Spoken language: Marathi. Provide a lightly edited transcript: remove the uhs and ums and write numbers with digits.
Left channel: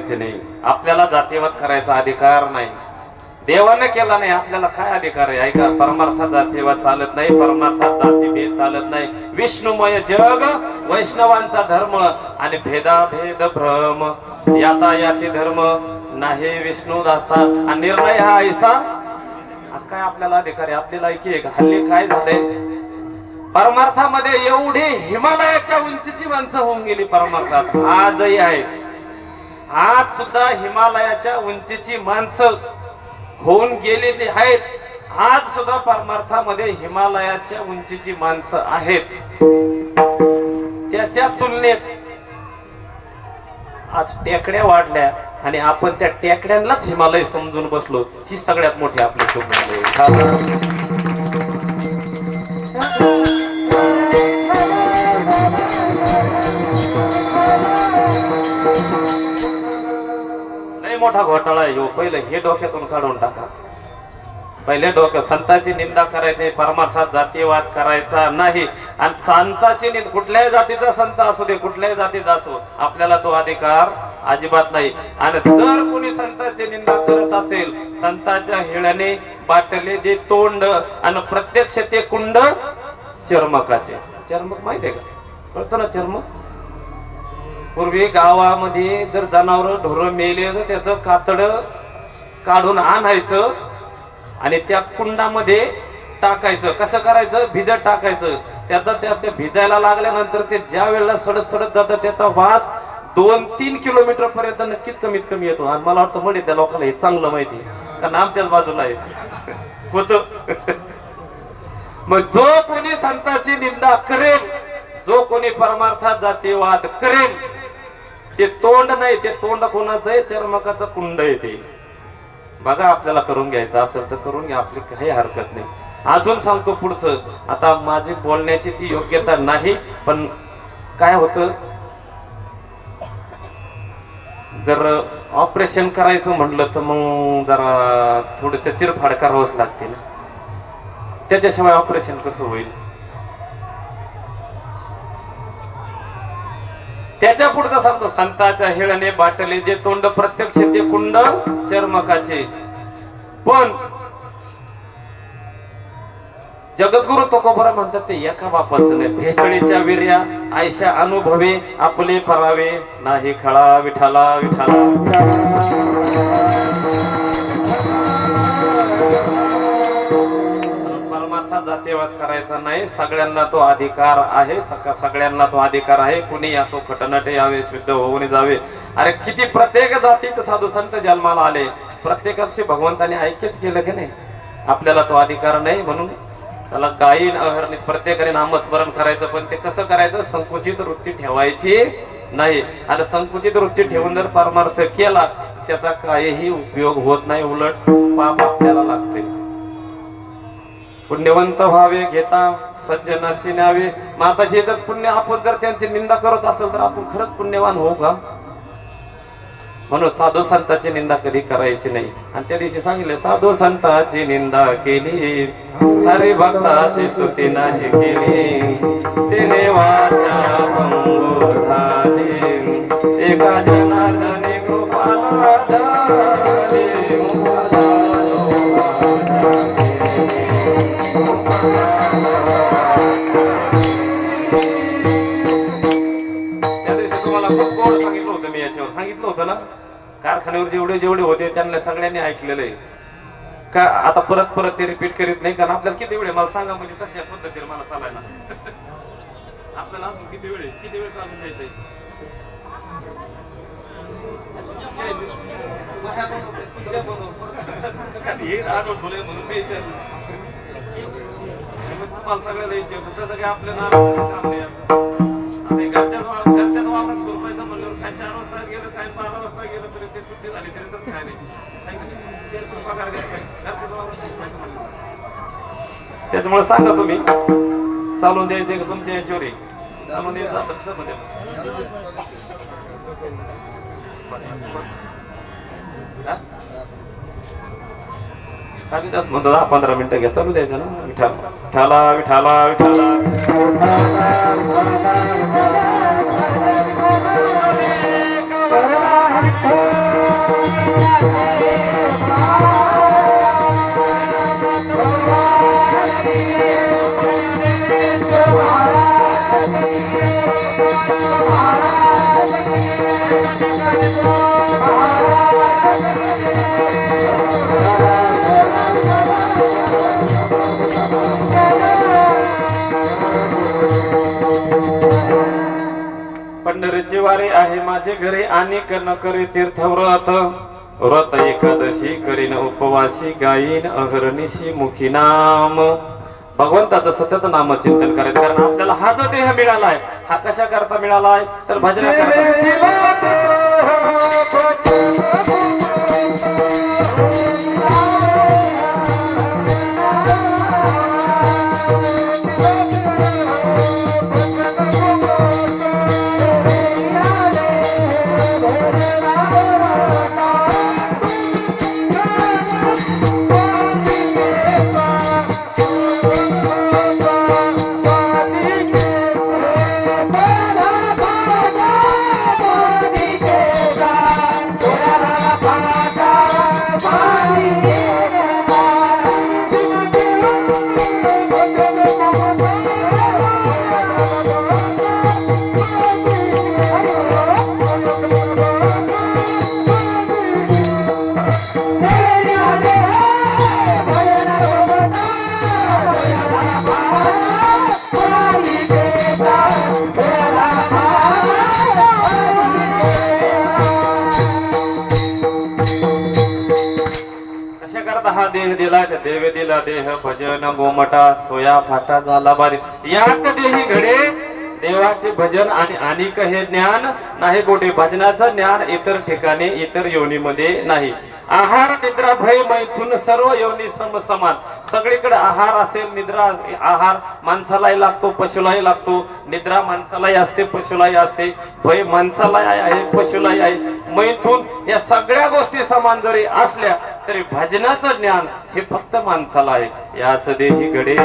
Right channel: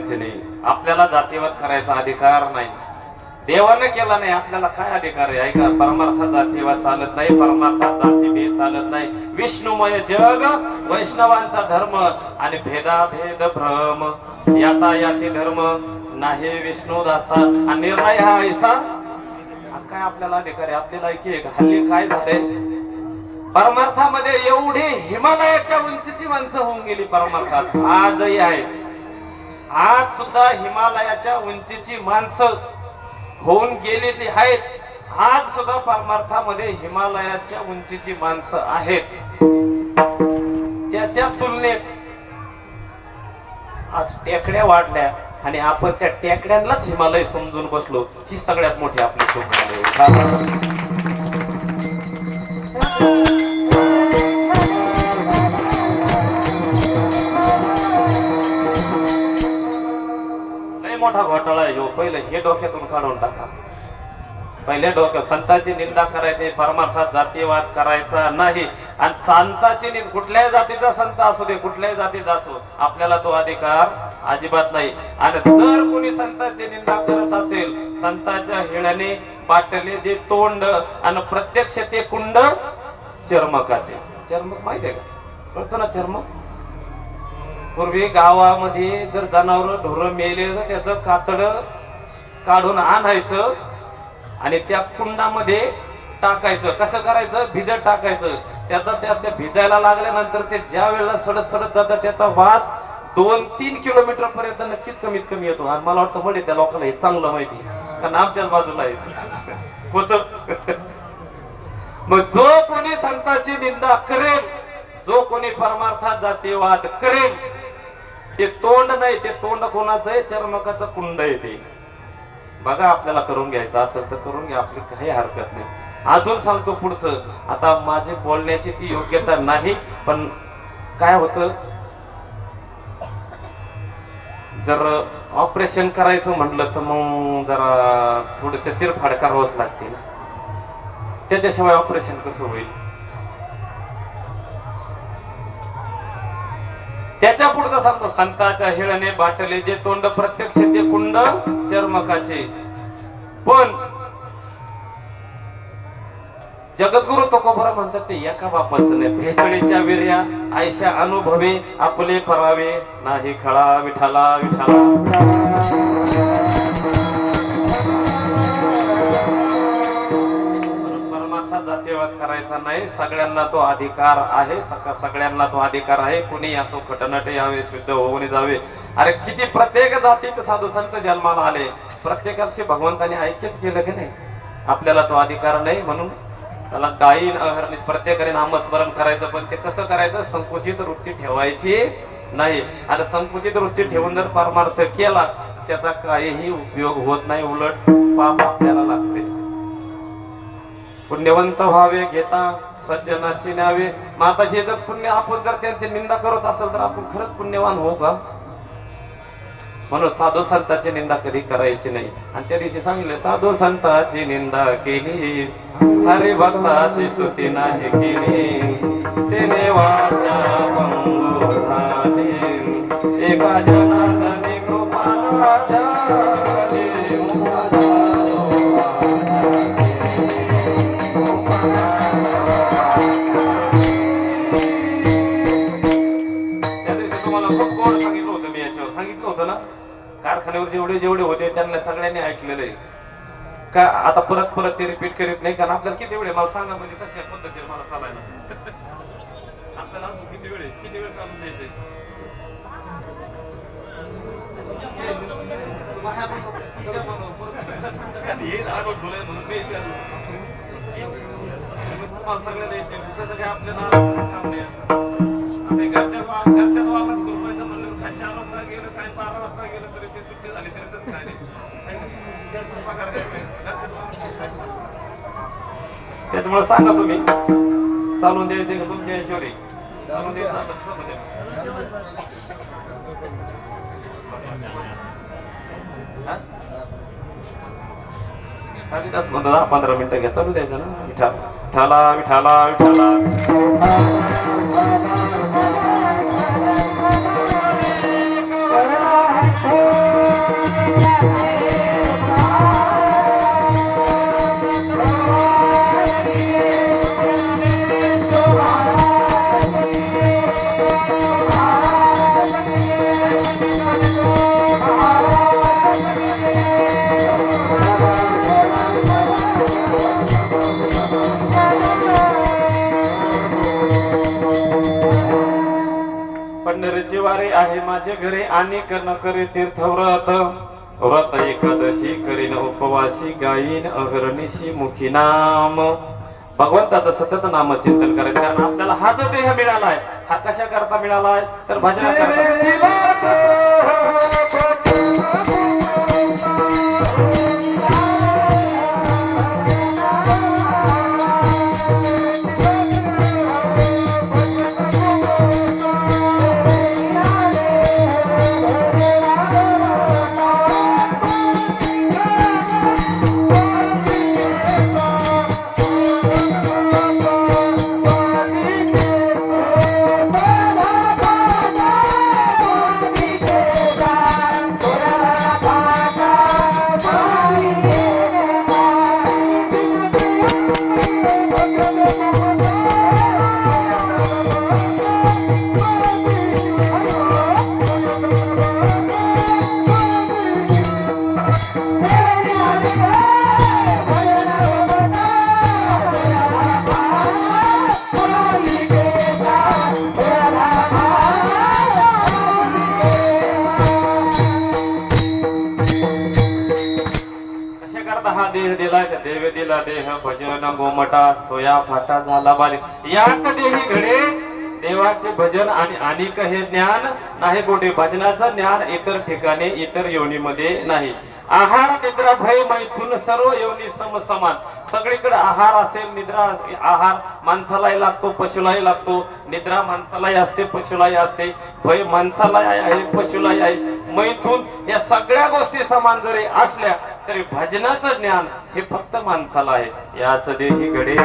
करायचे नाही, आपल्याला जातीवाद करायचा अधिकार नाही. देवाने केला नाही, आपल्याला काय अधिकार आहे? ऐका, परमार्थात जातीवाद चालत नाही, परमार्थात जातीभेद चालत नाही. विष्णुमय जग वैष्णवांचा धर्म आणि भेदाभेद भ्रम, यातायाती धर्म नाही विष्णू दासा. आणि निर्णय हा ऐसा काय आपल्याला अधिकार आहे? आपली लायकी आहे का? हल्ली काय झालंय, परमार्थामध्ये एवढी हिमालयाच्या उंचीची माणसं होऊन गेली. परमार्थात आजही आहे, आज सुद्धा हिमालयाच्या उंचीची माणसं होऊन गेलेली आहेत. आज सुद्धा परमार्थामध्ये हिमालयाच्या उंचीची माणसं आहेत. त्याच्या तुलनेत आज टेकड्या वाढल्या आणि आपण त्या टेकड्यांनाच हिमालय समजून बसलो. ही सगळ्यात मोठी आपली चूक झाली. लय मोठा घोटाळा आहे. पहिले हे डोक्यातून काढून टाका. पहिले डोक्यात संतांची निंदा करायची, परमार्थात जातीवाद करायचा नाही. आणि संतांची निंदा, कुठल्याही जातीचा संत असू दे, कुठल्याही जातीचा असो, आपल्याला तो अधिकार अजिबात नाही. आणि जर कोणी संतांची निंदा करत असेल, संतांच्या हिळ्याने बाटले जे तोंड आणि प्रत्यक्ष ते कुंड चर्मकाचे. चर्मक माहिती आहे का? कळतं ना चर्मक? पूर्वी गावामध्ये जर जनावर ढोरं मेले तर त्याचं कातड काढून आणायचं आणि त्या कुंडामध्ये टाकायचं. कसं करायचं? भिजत टाकायचं. त्याचा त्या भिजायला लागल्यानंतर ते ज्या वेळेला सडत सडत जातं, त्याचा वास 2-3 किलोमीटर पर्यंत नक्कीच कमीत कमी येतो. आणि मला वाटतं म्हणजे त्या लोकांना हे चांगलं माहिती आहे, कारण आमच्याच बाजूला आहे होत. मग जो कोणी संतांची निंदा करेल, जो कोणी परमार्थात जातीवाद करेल, ते तोंड नाही, ते तोंड कोणाचं आहे? चर्मकाचं कुंड आहे ते. बघा, आपल्याला करून घ्यायचं असेल तर करून घ्या, आपली काही हरकत नाही. अजून सांगतो पुढचं. आता माझी बोलण्याची ती योग्यता नाही, पण काय होतं, जर ऑपरेशन करायचं म्हटलं तर मग जरा थोडस चिरफाड करावंच लागते ना. त्याच्याशिवाय ऑपरेशन कसं होईल? त्याच्या पुढचं सांगतो, संतांच्या हिळ्याने बाटले जे तोंड प्रत्यक्ष ते कुंड चर्मकाचे. पण जगद्गुरु तुकोबरा म्हणतात ते एका बापाचं नाही. भेसळीच्या विर्या आयशा अनुभवे आपले परावे नाही खळा विठाला विठाला. परमार्थात जातीवाद करायचा नाही. सगळ्यांना तो अधिकार आहे, सगळ्यांना तो अधिकार आहे. कुणी असो, खटनाटे यावे, शुद्ध होऊन जावे. अरे किती प्रत्येक जातीत साधू संत जन्माला आले, प्रत्येकाशी भगवंताने ऐक्यच केलं की नाही? आपल्याला तो अधिकार नाही, म्हणून त्याला गायीन अहर्निश प्रत्येकाने नामस्मरण करायचं. पण ते कसं करायचं? संकुचित वृत्ती ठेवायची नाही. आणि संकुचित वृत्ती ठेवून जर परमार्थ केला, त्याचा काहीही उपयोग होत नाही, उलट पाप आपल्याला लागते. पुण्यवंत व्हावे घेता सज्जनाची न्यावे. माताचे जर पुण्य, आपण जर त्यांची निंदा करत असेल तर आपण खरंच पुण्यवान होऊ का? म्हणून साधू संतांची निंदा कधी करायची नाही. आणि त्या दिवशी सांगितलं, साधू संतांची निंदा केली, हरे भक्ताची स्तुती नाही केली, तेने वाचा भंगूर झाली, एका जनार्दनी कृपाला झाली. त्या दिवशी तुम्हाला खूप गोड सांगितलं होतं मी, याच्यावर सांगितलं होतं ना. कारखान्यावर जेवढे जेवढे होते त्यांना सगळ्यांनी ऐकलेलं आहे का? आता परत परत ते रिपीट करीत नाही, कारण आपल्याला किती वेळ, मला सांगा म्हणजे कशा पद्धतीने मला चालायला. आपल्याला अजून किती वेळ चालून द्यायचंय? तुम्हाला सगळ्याला यायचे तसं काय आपल्याला घरच्याच वावरात गुरुपायचं म्हणल्यावर काय 4 वाजता गेलं, काय 12 वाजता गेलं तरी ते सुट्टी झाली तरी तसं काय नाही. त्याच्यामुळे सांगा तुम्ही चालून द्यायचे का तुमच्या याच्यावर चालून द्यायचं. कालिदास म्हणतो 10-15 मिनिटं घ्या, चालू द्यायचं ना. विठाला विठाला विठाला. पंढरीची वारी आहे माझे घरी आणि न करी तीर्थव्रत व्रत एकादशी करीन उपवासी गायीन अहर्निशी मुखी नाम. भगवंताचं सतत नाम चिंतन करायचं, कारण आपल्याला हा जो देह मिळालाय हा कशा करता मिळालाय तर भजना करता. हा देह दिलाय देव दिला देह भजन गोमटा तो या फाटा झाला बारी. यात देही घडे देवाचे भजन आणि अनेक हे ज्ञान नाही कोठे. भजनाचं ज्ञान इतर ठिकाणी इतर योनीमध्ये नाही. आहार निद्रा भय मैथून सर्व योनी समान. सगळीकडे आहार असेल, निद्रा आहार माणसालाही लागतो, पशुलाही लागतो. निद्रा माणसालाही असते, पशुलाही असते. भय माणसालाही आहे, पशुलाही आहे. मैथून या सगळ्या गोष्टी समान जरी असल्या तरी भजनाचं ज्ञान हे फक्त माणसाला आहे. याच देही घडे